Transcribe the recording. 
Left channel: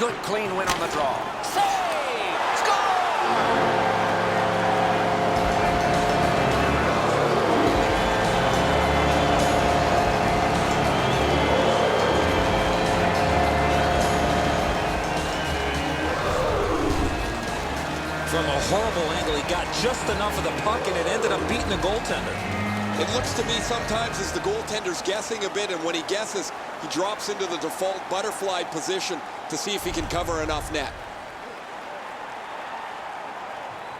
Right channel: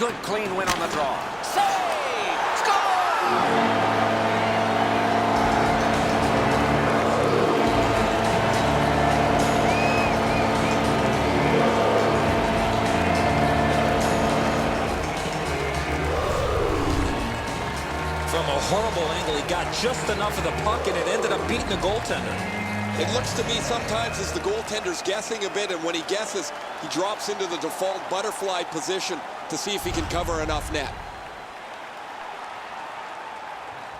Good clean win on the draw. Save! Score! From a horrible angle, he got just enough of the puck, and it ended up beating the goaltender. It looks to me sometimes as the goaltender's guessing a bit, and when he guesses, he drops into the default butterfly position to see if he can cover enough net.